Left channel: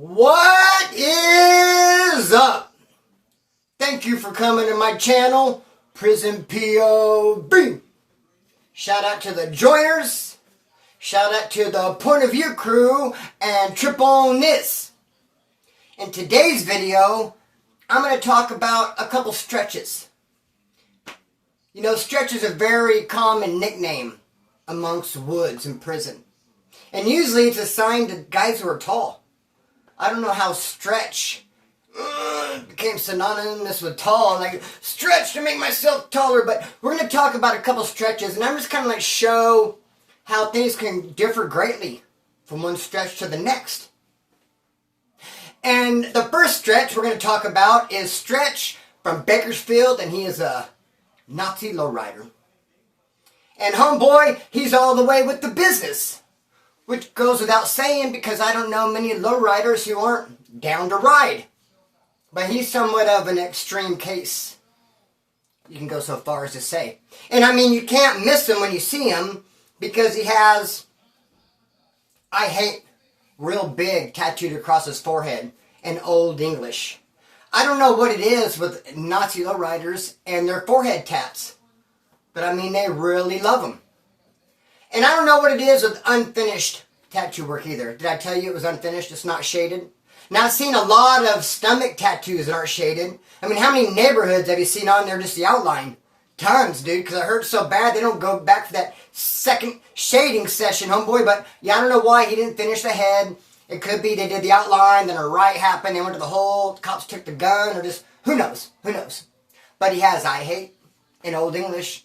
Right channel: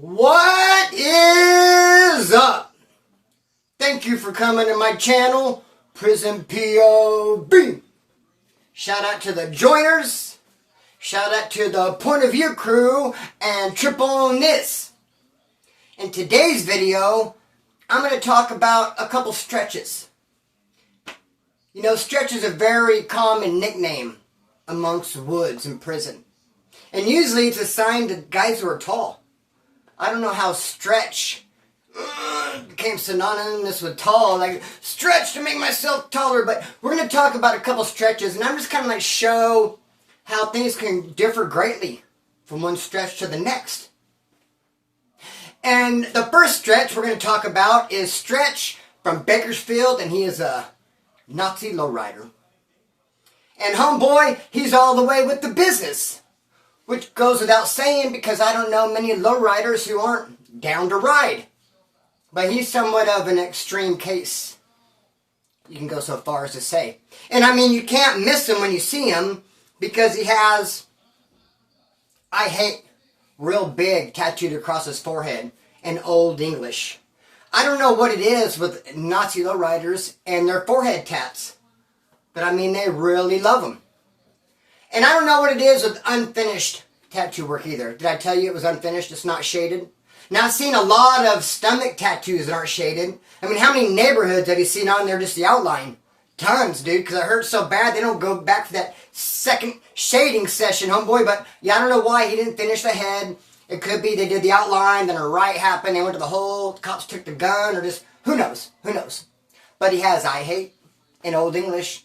What is up? Thank you for coming to my channel, Prison POV. Shout out to the joiners. Shout out to the Point of View crew and Trip on This. In today's video, I'm going to talk about a couple stretches. You know, stretch is a very common nickname amongst woods in prison. And usually it's assigned to guys who are tall. I don't know how stretch became synonymous with tall. Like, stretch to make myself taller. But we're going to talk about a couple stretches. And I'm just kind of like show how things can differ greatly from one stretch to the next. And the first stretch we're going to talk about is Stretch from Bakersfield. And he is a Nazi lowrider. And homeboy, he's all the way with the business. Which goes without saying because I don't know many lowriders who aren't down to ride. But he's somewhat of an extreme case. You can go so far as to say. And I mean, you can't miss him when you see him because he has, I hate, real big tattooed across his forehead in Old English. I don't know what it is with Nazi lowriders and their forehead tats. But I mean, they really love them. And I don't know what it is with unfinished tattoo work either. Did I tell you it was unfinished? It's not shaded. Now, I've seen a lot of stomach tattoos that aren't shaded. I mean, how many neighborhoods have you seen on there just the outline? Tons, dude, because it hurts so bad they don't go back for that second shading session, homeboy. But, yeah, I don't know why he didn't finish the head. It could be they did the outline, then a riot happened, they went to the hole, the cops took the gun, or just, who knows? Who knows? But he has I hate in Old English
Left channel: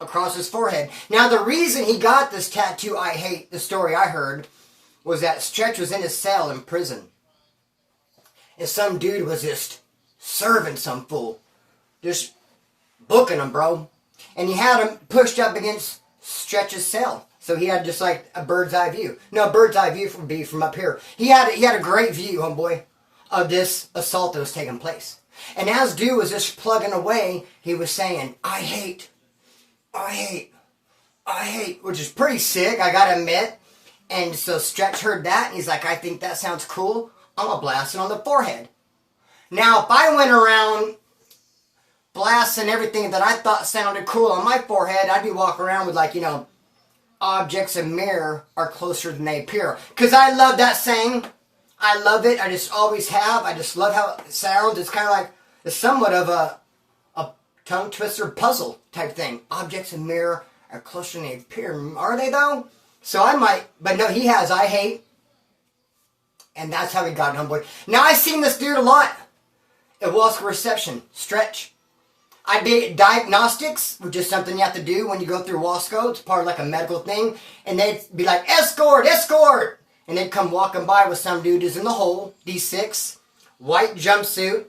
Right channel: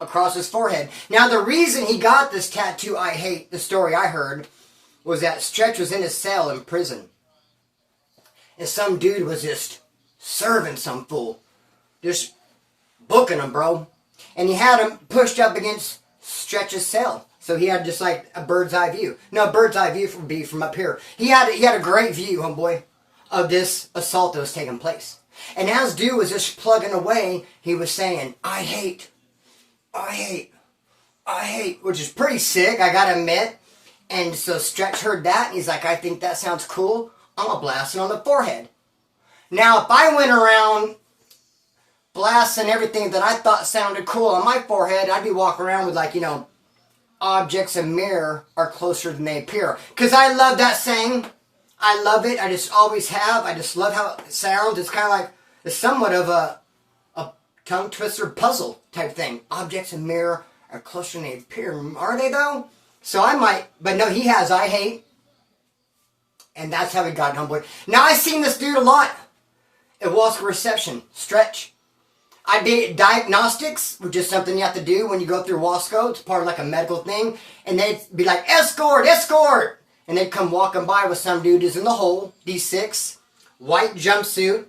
across his forehead. Now, the reason he got this tattoo, I hate, the story I heard, was that Stretch was in his cell in prison. And some dude was just serving some fool. Just booking him, bro. And he had him pushed up against Stretch's cell. So he had just like a bird's eye view. No, bird's eye view would be from up here. He had a great view, homeboy, of this assault that was taking place. And as dude was just plugging away, he was saying, I hate, which is pretty sick, I gotta admit. And so Stretch heard that, and he's like, I think that sounds cool. I'm gonna blast it on the forehead. Now, if I went around blasting everything that I thought sounded cool on my forehead, I'd be walking around with, like, you know, objects in mirror are closer than they appear. Because I love that saying. I love it. I just always have. I just love how it sounds. It's kind of like, it's somewhat of a tongue twister puzzle type thing. Objects in mirror are closer than they appear. Are they though? So I might, but no, he has I hate. And that's how he got it, homeboy. Now I've seen this dude a lot at Wasco Reception. Stretch. I did diagnostics, which is something you have to do when you go through Wasco. It's part of like a medical thing. And they'd be like, escort, escort. And they'd come walking by with some dude who's in the hole, D6, white jumpsuit,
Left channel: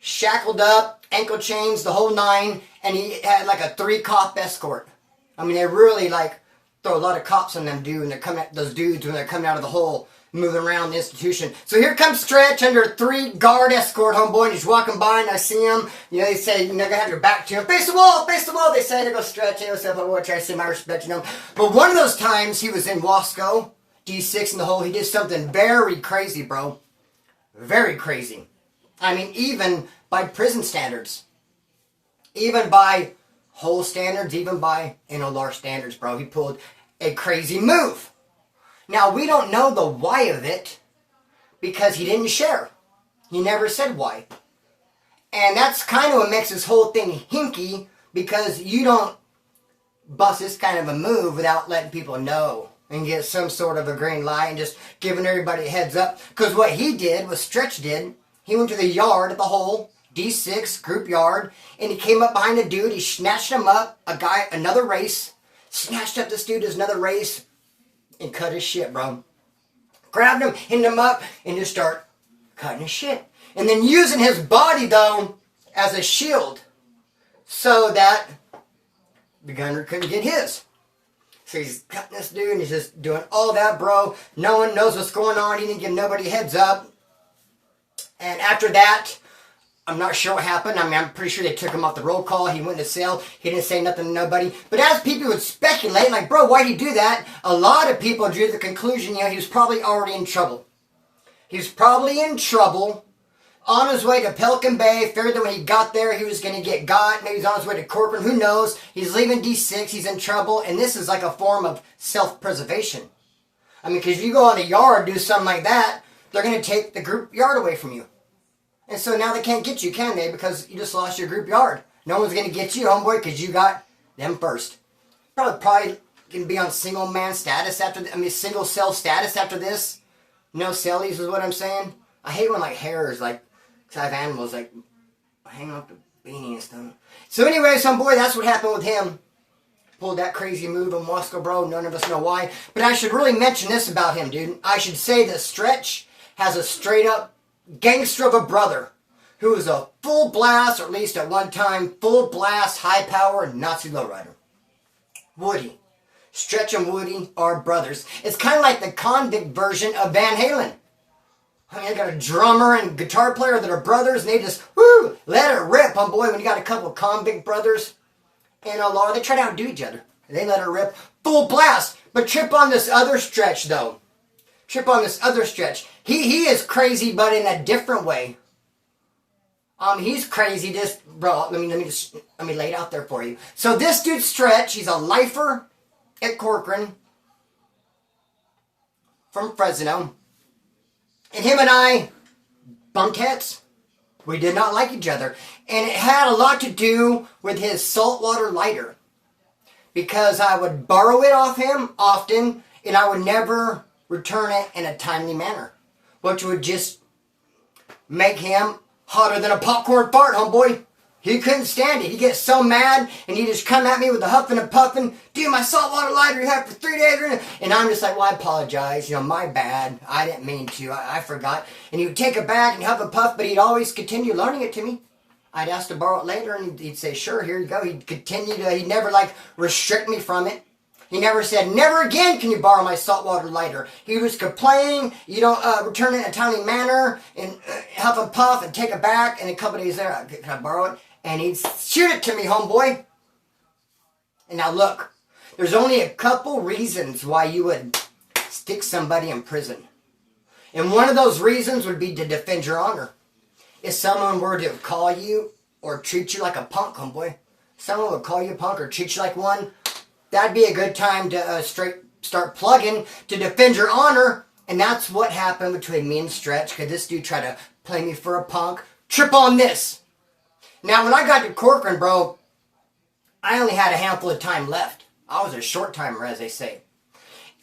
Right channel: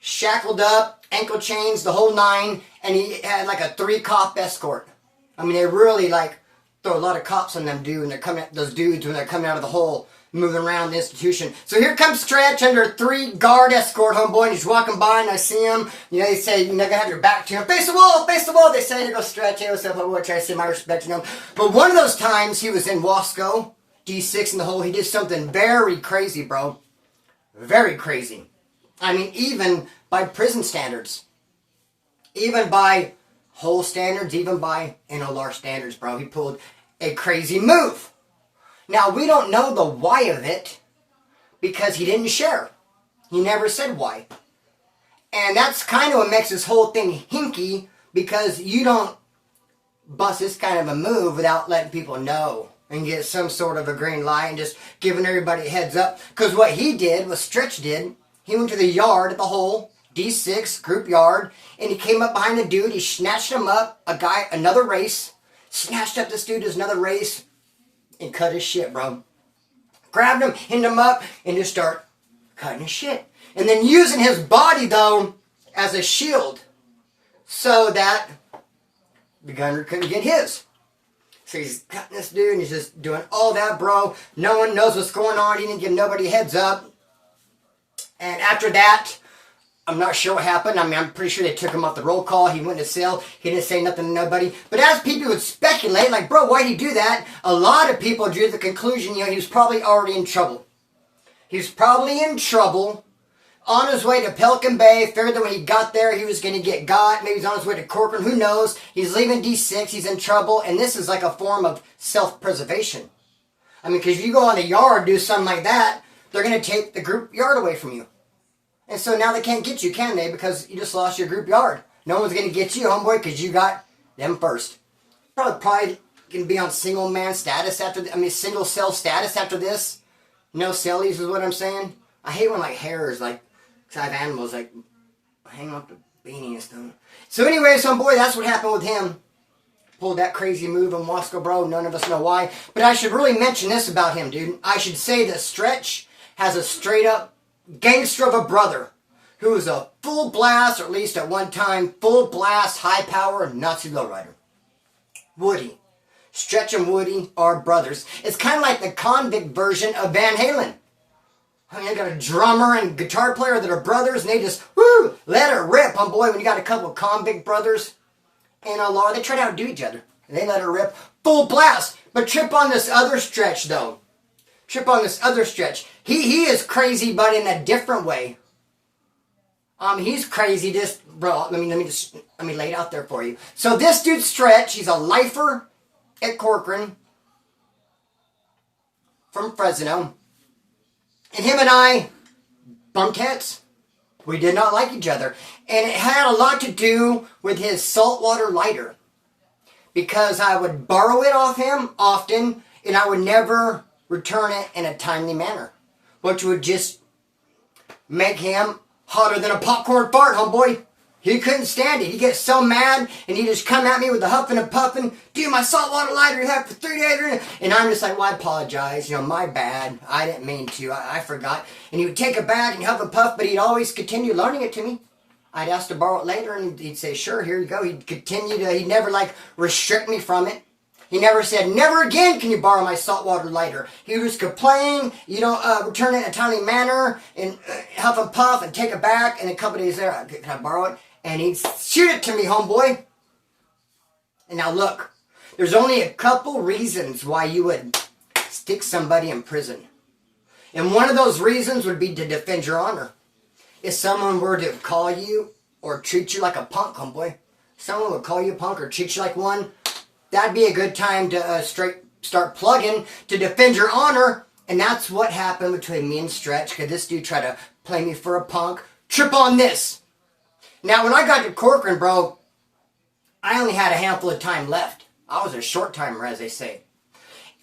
shackled up, ankle chains, the whole nine, and he had like a 3-cop escort. I mean, they really like throw a lot of cops on them dude, and they're coming at those dudes when they're coming out of the hole, moving around the institution. So here comes Stretch under a 3-guard escort, homeboy, and he's walking by, and I see him. You know, they say, you're gonna have your back to him. Face the wall, face the wall. They say to go Stretch. Hey, what's up, homeboy? Try to say my respect, you know. But one of those times he was in Wasco, D6 in the hole, he did something very crazy, bro. Very crazy. I mean, even by prison standards. Even by whole standards, even by NLR standards, bro. He pulled a crazy move. Now, we don't know the why of it because he didn't share. He never said why. And that's kind of what makes this whole thing hinky because you don't bust this kind of a move without letting people know and get some sort of a green light and just giving everybody a heads up. Because what he did, what Stretch did, he went to the yard at the hole, D6, group yard, and he came up behind a dude, he snatched him up, another race, snatched up this dude as another race, and cut his shit, bro. Grabbed him, hit him up, and just start cutting his shit. And then using his body, though, as a shield, so that the gunner couldn't get his. So he's cutting this dude, and he's just doing all that, bro. No one knows what's going on, he didn't give nobody a heads up. And after that, I'm not sure what happened. I mean, I'm pretty sure they took him off the roll call. He went to cell. He didn't say nothing to nobody. But as people would speculate, like, bro, why'd he do that? A lot of people drew the conclusion, you know, he was probably already in trouble. He's probably in trouble. On his way to Pelican Bay, figured that when he got there, he was going to get got. Maybe he's on his way to Corcoran, who knows? He's leaving D6, he's in trouble, and this is like a form of self-preservation. I mean, because if you go on the yard, do something like that, they're going to take the group yard away from you. And so now they can't get you, can they? Because you just lost your group yard. No one's going to get you, homeboy, because you got them first. Probably going to be on single man status after, single cell status after this. No cellies is what I'm saying. I hate when, like, hairs, like, because I have animals, like, hang off the beanie and stuff. So anyways, homeboy, that's what happened with him. Pulled that crazy move in Moscow, bro. None of us know why. But I should really mention this about him, dude. I should say that Stretch has a straight-up gangster of a brother who is a full blast, or at least at one time, full blast, high-power Nazi lowrider. Woody. Stretch and Woody are brothers. It's kind of like the convict version of Van Halen. I mean, I got a drummer and guitar player that are brothers, and they just, whoo, let it rip, homeboy. When you got a couple of convict brothers, NLR, they try to outdo each other. They let it rip, full blast. But trip on this other Stretch, though. Trip on this other Stretch. He is crazy, but in a different way. He's crazy, just, bro, let me lay it out there for you. So this dude Stretch, he's a lifer at Corcoran from Fresno. And him and I bumped heads. We did not like each other. And it had a lot to do with his saltwater lighter. Because I would borrow it off him often, and I would never return it in a timely manner. Which would just make him hotter than a popcorn fart, homeboy. He couldn't stand it. He'd get so mad, and he'd just come at me with the huffing and puffing. Dude, my saltwater lighter you had for 3 days. And I'm just like, well, I apologize. My bad. I didn't mean to. I forgot. And he would take it back and huff and puff, but he'd always continue loaning it to me. I'd ask to borrow it later, and he'd say, sure, here you go. He'd continue to, he'd never, restrict me from it. He never said, never again can you borrow my saltwater lighter. He was complaining, you don't return it in a timely manner, and huff and puff, and take it back, and a couple days later, can I borrow it? And he'd shoot it to me, homeboy. And now look, there's only a couple reasons why you would stick somebody in prison. And one of those reasons would be to defend your honor. If someone were to call you or treat you like a punk, homeboy, someone would call you a punk or treat you like one, that'd be a good time to start plugging to defend your honor. And that's what happened between me and Stretch, because this dude tried to play me for a punk. Trip on this. Now, when I got to Corcoran, bro, I only had a handful of time left. I was a short timer, as they say.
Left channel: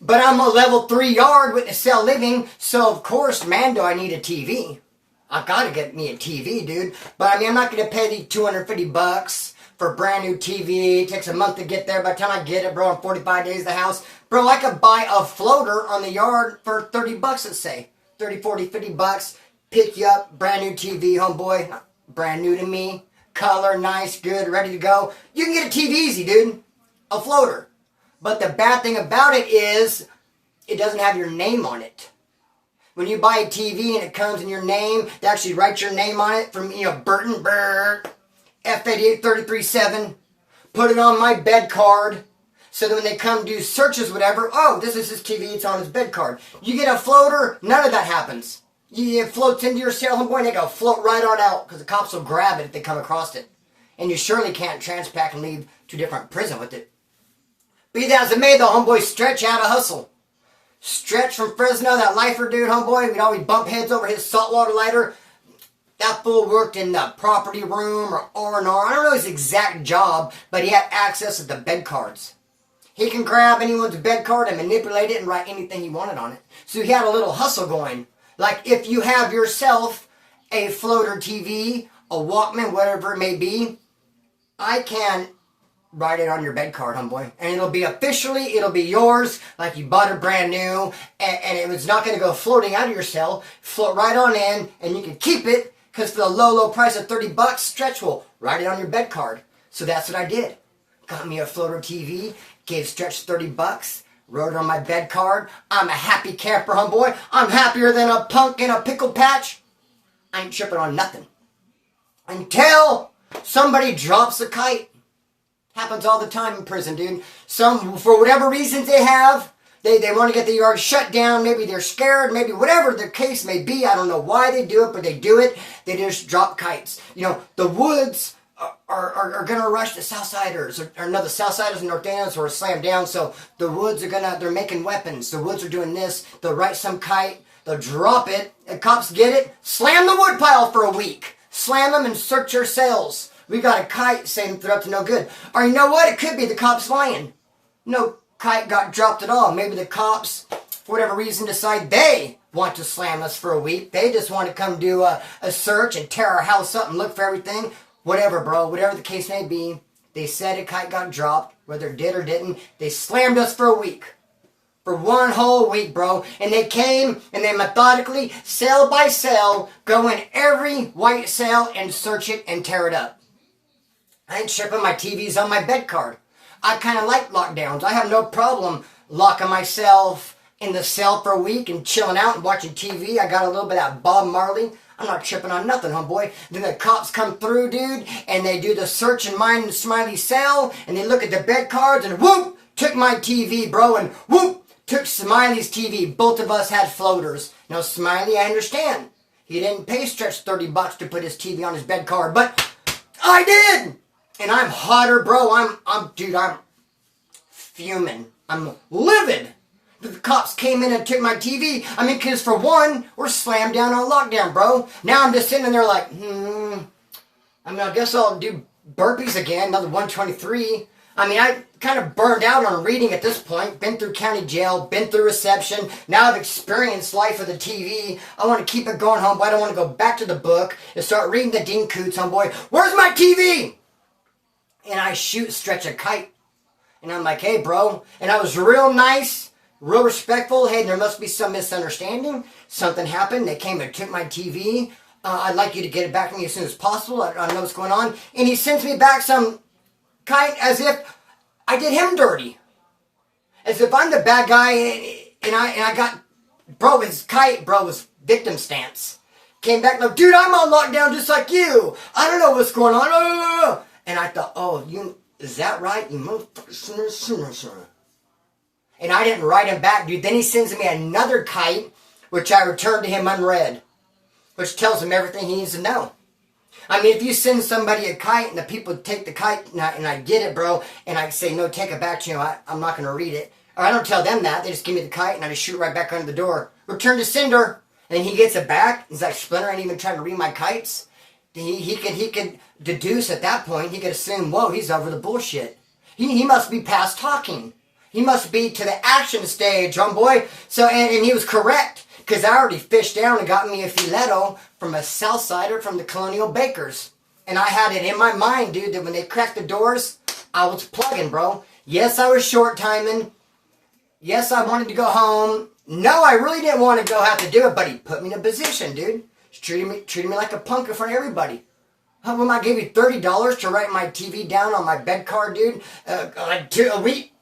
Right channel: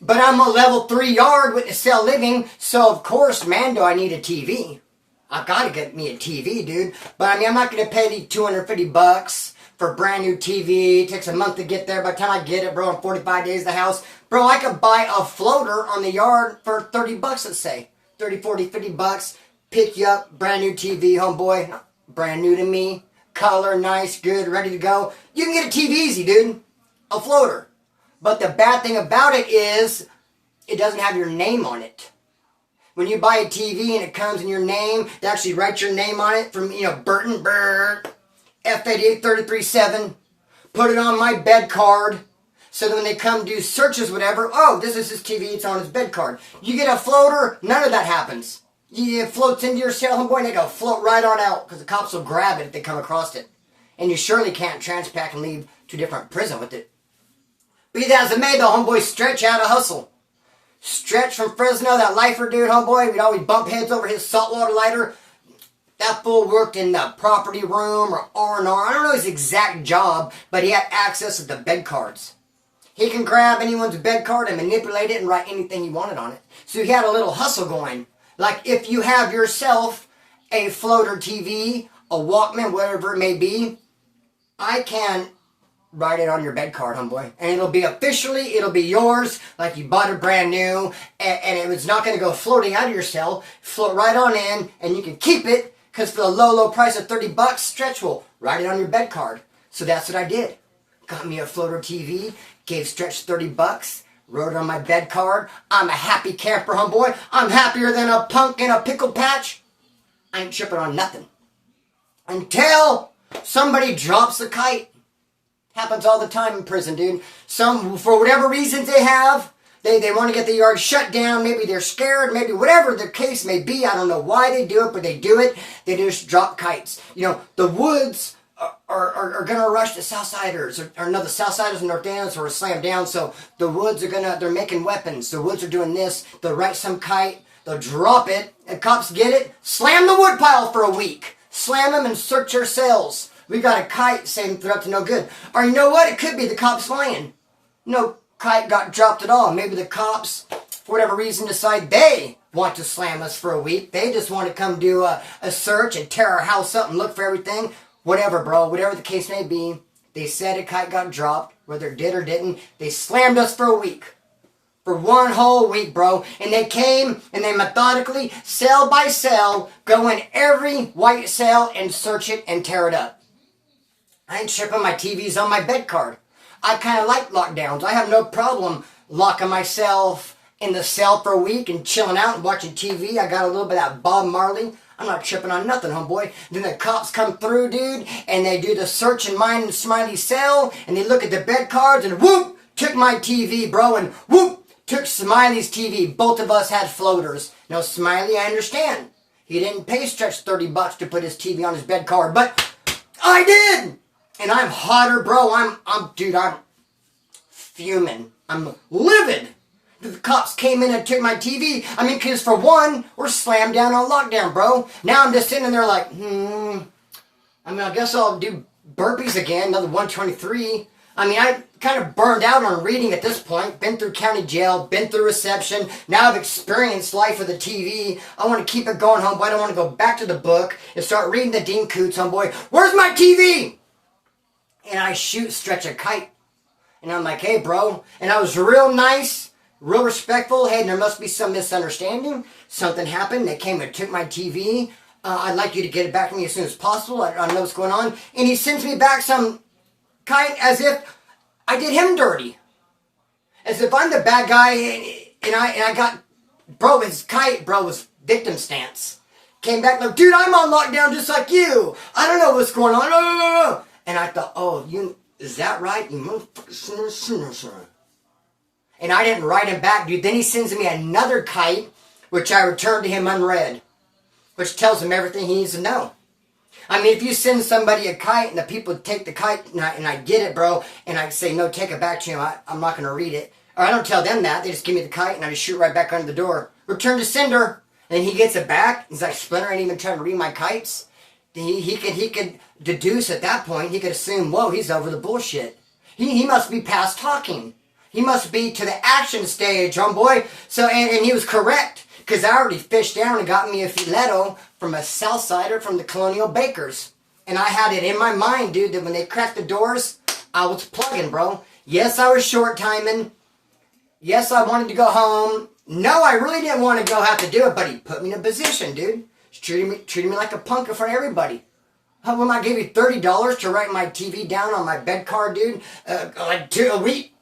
But I'm a level 3 yard with the cell living, so of course, man, do I need a TV. I've got to get me a TV, dude. But I'm not going to pay the $250 for a brand new TV. It takes a month to get there. By the time I get it, bro, in 45 days, the house. Bro, I could buy a floater on the yard for $30, let's say. 30, 40, $50. Pick you up, brand new TV, homeboy. Brand new to me. Color, nice, good, ready to go. You can get a TV easy, dude. A floater. But the bad thing about it is, it doesn't have your name on it. When you buy a TV and it comes in your name, they actually write your name on it from, Burton, F88337. Put it on my bed card. So that when they come do searches, whatever, oh, this is his TV, it's on his bed card. You get a floater, none of that happens. It floats into your cell, homeboy, and they go float right on out, because the cops will grab it if they come across it. And you surely can't transpack and leave to a different prison with it. Be that as it may, though, homeboy, Stretch had a hustle. Stretch from Fresno, that lifer dude, homeboy, we'd always bump heads over his saltwater lighter. That fool worked in the property room or R&R. I don't know his exact job, but he had access to the bed cards. He can grab anyone's bed card and manipulate it and write anything he wanted on it. So he had a little hustle going. Like if you have yourself a floater TV, a Walkman, whatever it may be, I can write it on your bed card, homeboy. And it'll be yours, like you bought it brand new, and it was not going to go floating out of your cell. Float right on in, and you can keep it, because for the low price of $30, Stretch will write it on your bed card. So that's what I did. Got me a floater TV, gave Stretch $30, wrote it on my bed card. I'm a happy camper, homeboy. I'm happier than a punk in a pickle patch. I ain't tripping on nothing. Until somebody drops a kite. Happens all the time in prison, dude. For whatever reasons they have, They want to get the yard shut down. Maybe they're scared. Maybe whatever the case may be. I don't know why they do it, but they do it. They just drop kites. You know, the woods are going to rush the Southsiders. Or no, the Southsiders and Northdowns are slammed down. So the woods they're making weapons. The woods are doing this. They'll write some kite. They'll drop it. The cops get it. Slam the woodpile for a week. Slam them and search your cells. We got a kite saying they're up to no good. Or you know what? It could be the cops lying. No kite got dropped at all. Maybe the cops, for whatever reason, decide they want to slam us for a week. They just want to come do a search and tear our house up and look for everything. Whatever, bro. Whatever the case may be. They said a kite got dropped. Whether it did or didn't. They slammed us for a week. For one whole week, bro. And they came and they methodically, cell by cell, go in every white cell and search it and tear it up. I ain't tripping. My TV's on my bed card. I kind of like lockdowns. I have no problem locking myself in the cell for a week and chilling out and watching TV. I got a little bit of that Bob Marley. I'm not tripping on nothing, homeboy. Then the cops come through, dude, and they do the search in mine and Smiley's cell, and they look at the bed cards, and whoop, took my TV, bro, and whoop, took Smiley's TV. Both of us had floaters. Now, Smiley, I understand. He didn't pay Stretch $30 to put his TV on his bed card, but I did! And I'm hotter, bro. I'm fuming. I'm livid. The cops came in and took my TV. I mean, because for one, we're slammed down on lockdown, bro. Now I'm just sitting there like, I guess I'll do burpees again, another 123. I mean, I kind of burned out on reading at this point. Been through county jail, been through reception. Now I've experienced life with the TV. I want to keep it going, homeboy. I don't want to go back to the book and start reading the Dean Coots, homeboy. Where's my TV? And I Stretch a kite. And I'm like, hey, bro. And I was real nice, real respectful. Hey, there must be some misunderstanding. Something happened. They came and took my TV. I'd like you to get it back to me as soon as possible. I don't know what's going on. And he sends me back some kite as if I did him dirty. As if I'm the bad guy and I got, bro, his kite, bro, was victim stance. Came back like, dude, I'm on lockdown just like you. I don't know what's going on. No. And I thought, is that right? You motherfucker, sinner. And I didn't write him back, dude. Then he sends me another kite, which I returned to him unread, which tells him everything he needs to know. I mean, if you send somebody a kite and the people take the kite and I get it, bro, and I say, no, take it back to you, I'm not going to read it. Or I don't tell them that. They just give me the kite and I just shoot right back under the door. Return to sender. And he gets it back. He's like, Splinter ain't even trying to read my kites. He could deduce at that point, he could assume, whoa, he's over the bullshit. He must be past talking. He must be to the action stage, homeboy. So, and he was correct, because I already fished down and got me a filetto from a Southsider from the Colonial Bakers. And I had it in my mind, dude, that when they cracked the doors, I was plugging, bro. Yes, I was short timing. Yes, I wanted to go home. No, I really didn't want to go have to do it, but he put me in a position, dude. Treated me like a punk in front of everybody. How when I gave you $30 to write my TV down on my bed card, dude?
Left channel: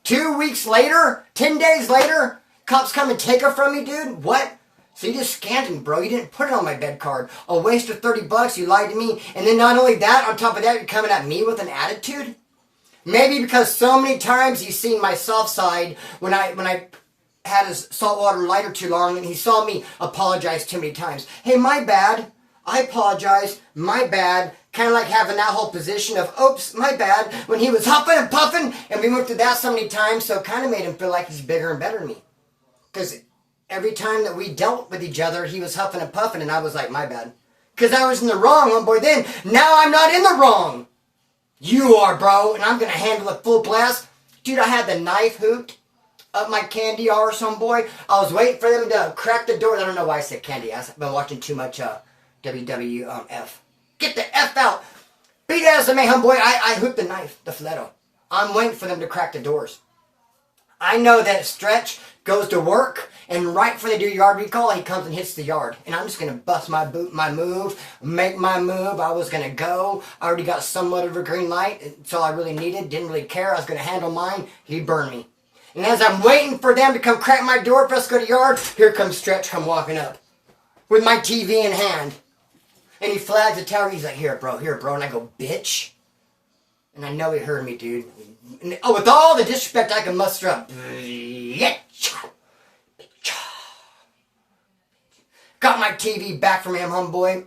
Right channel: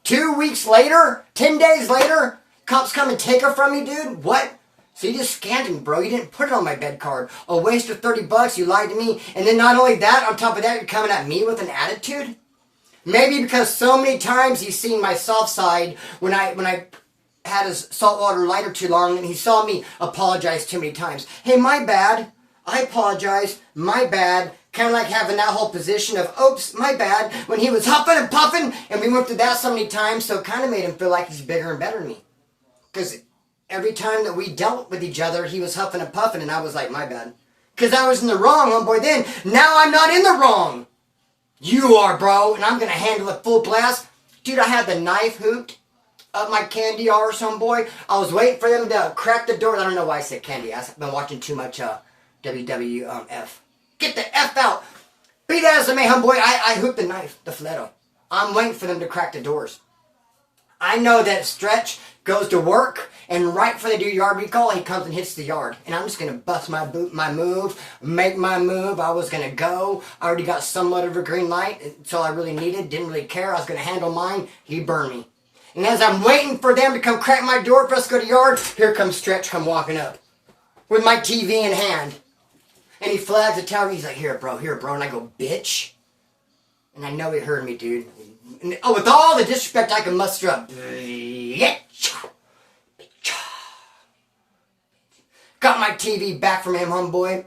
2 weeks later, 10 days later, cops come and take it from me, dude? What? So you just scammed me, bro. You didn't put it on my bed card. A waste of $30. You lied to me. And then not only that, on top of that, you're coming at me with an attitude? Maybe because so many times he's seen my soft side when I had his saltwater lighter too long and he saw me apologize too many times. Hey, my bad. I apologize. My bad. Kind of like having that whole position of, oops, my bad, when he was huffing and puffing, and we went through that so many times, so it kind of made him feel like he's bigger and better than me. Because every time that we dealt with each other, he was huffing and puffing, and I was like, my bad. Because I was in the wrong, homeboy, then. Now I'm not in the wrong. You are, bro, and I'm going to handle it full blast. Dude, I had the knife hooped up my candy arse, homeboy. I was waiting for them to crack the door. I don't know why I said candy. I've been watching too much WWF. Get the F out. Beat ass of me, homeboy. I hooked the knife, the filetto. I'm waiting for them to crack the doors. I know that Stretch goes to work, and right before they do yard recall, he comes and hits the yard. And I'm just going to bust my move, make my move. I was going to go. I already got somewhat of a green light. It's all I really needed. Didn't really care. I was going to handle mine. He burned me. And as I'm waiting for them to come crack my door for us to go to yard, here comes Stretch come walking up with my TV in hand. And he flags the tower. He's like, here, bro. And I go, bitch. And I know he heard me, dude. And, with all the disrespect I can muster up, bitch. my TV back from him, homeboy.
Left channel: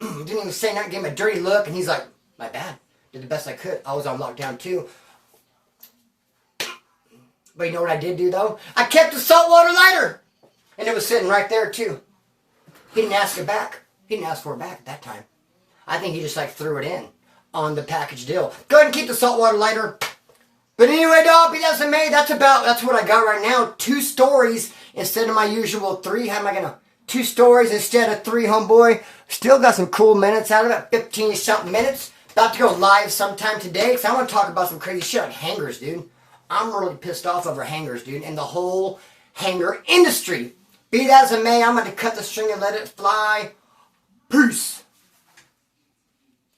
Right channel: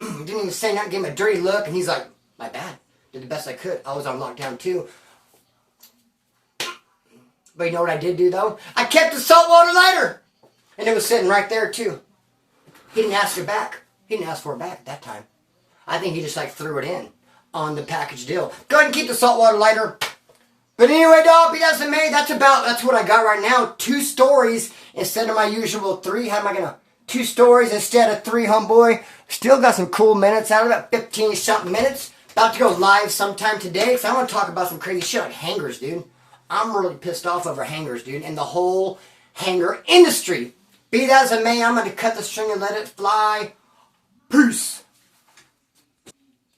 Didn't even say nothing, gave him a dirty look, and he's like, my bad. Did the best I could. I was on lockdown too. But you know what I did do though? I kept the saltwater lighter. And it was sitting right there too. He didn't ask it back. He didn't ask for it back at that time. I think he just like threw it in on the package deal. Go ahead and keep the saltwater lighter. But anyway, dog, that's what I got right now. 2 stories instead of my usual 3. How am I gonna 2 stories instead of 3, homeboy? Still got some cool minutes out of it, 15-something minutes. About to go live sometime today because I want to talk about some crazy shit like hangers, dude. I'm really pissed off over hangers, dude, and the whole hanger industry. Be that as it may, I'm going to cut the string and let it fly. Peace.